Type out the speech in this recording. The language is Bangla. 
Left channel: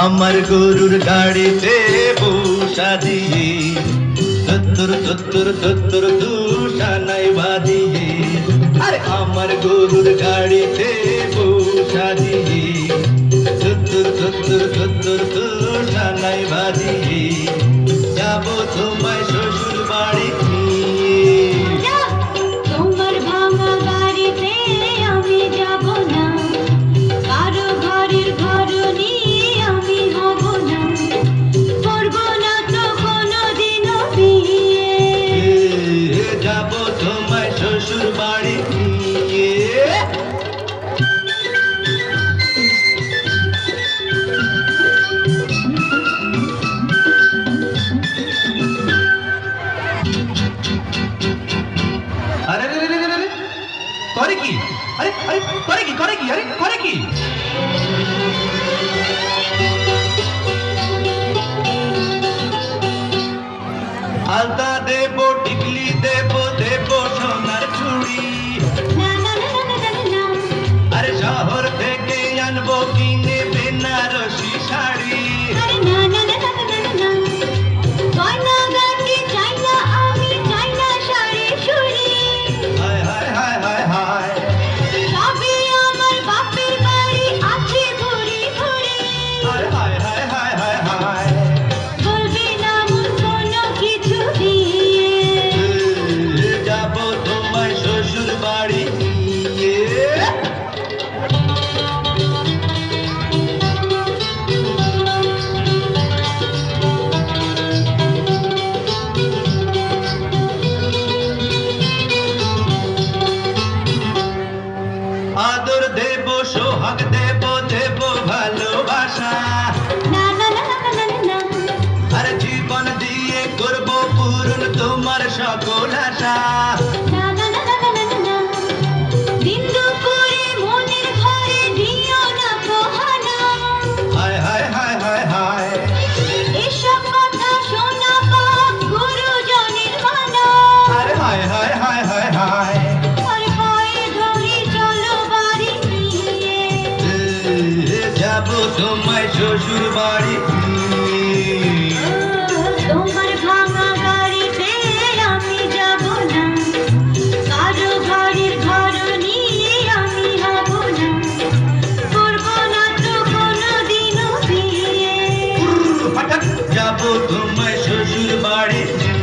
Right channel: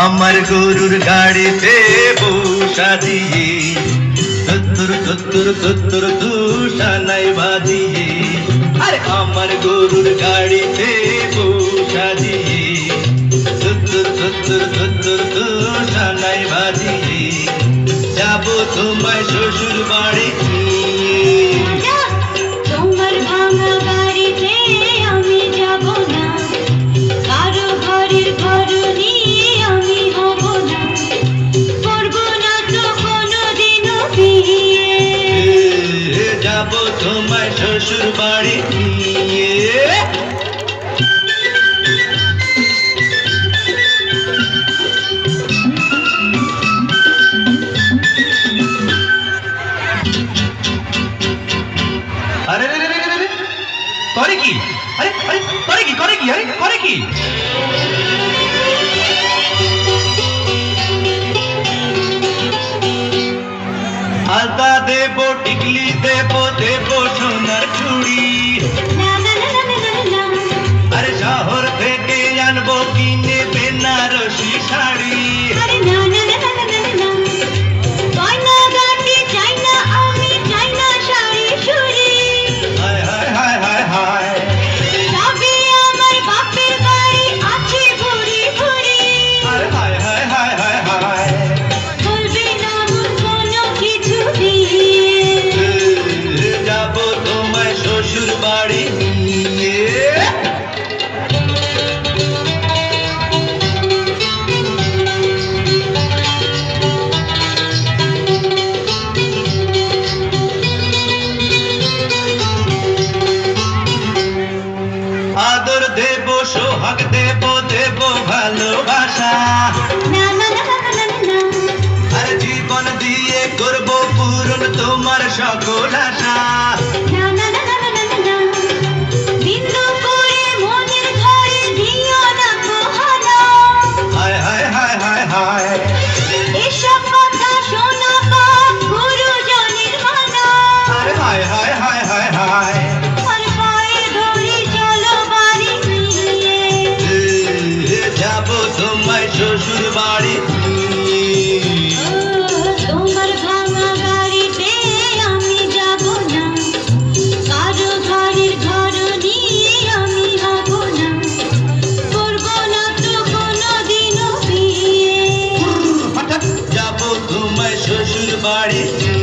আমার গরুর গাড়িতে বসা দিয়ে সত্তর সত্তর সত্তর দুশানাই বাজিয়ে, আরে আমার গরুর গাড়িতে বসা দিয়ে সত্তর সত্তর সত্তর দুশানাই বাজিয়ে যাব তোমায় শ্বশুর বাড়ি নিয়ে। তোমার ভাঙা বাড়িতে আমি যাব না, কারো ঘরের ঘর নিয়ে আমি হব না, করব না তো কোনোদিনও বিয়ে। যাব তোমায় শ্বশুর বাড়ি নিয়ে। আরে রে রে রে রে রে, করে কি? আরে আরে করে কি? করে কি? আরে করে কি? আলতা দেব, টিকলি দেব, দেব সোনার চুড়ি। না না না না না না না, আরে শহর থেকে আনবো কিনে বেনারসি শাড়ি। আরে না না না না না না না, গয়না গাটি চাই না আমি, চাই না শাড়ি চুড়ি। হায় হায় হায় হায় হায়, সবই আমার বাপের বাড়ি আছে ভরি ভরি। আরে হায় হায় হায় হায় হায়, বলবি না মন কোনো কিছু দিয়ে। যাব তোমায় শ্বশুর বাড়ি নিয়ে। আদর দেব, সোহাগ দেব, দেব ভালোবাসা। না না না না না না না, আরে জীবন দিয়ে করব পূরণ তোমার সকল আশা। না না না না না না না, বিন্দু করে মনের ঘরে দিও না কখনো। হায় হায় হায় হায় হায়, এসব কথা শোনা পাপ গুরুজনের মানা। আরে হায় হায় হায় হায় হায়, আর পায়ে ধরে চলো বাড়ি নিয়ে। যাব তোমায় শ্বশুর বাড়ি নিয়ে। তোমার ভাঙা গাড়িতে আমি যাব না, কারো বাড়ির ঘর নিয়ে আমি হব না, করব না তো কোনোদিনও বিয়ে। হঠাৎ যাব তোমায় শ্বশুর বাড়ি নিয়ে।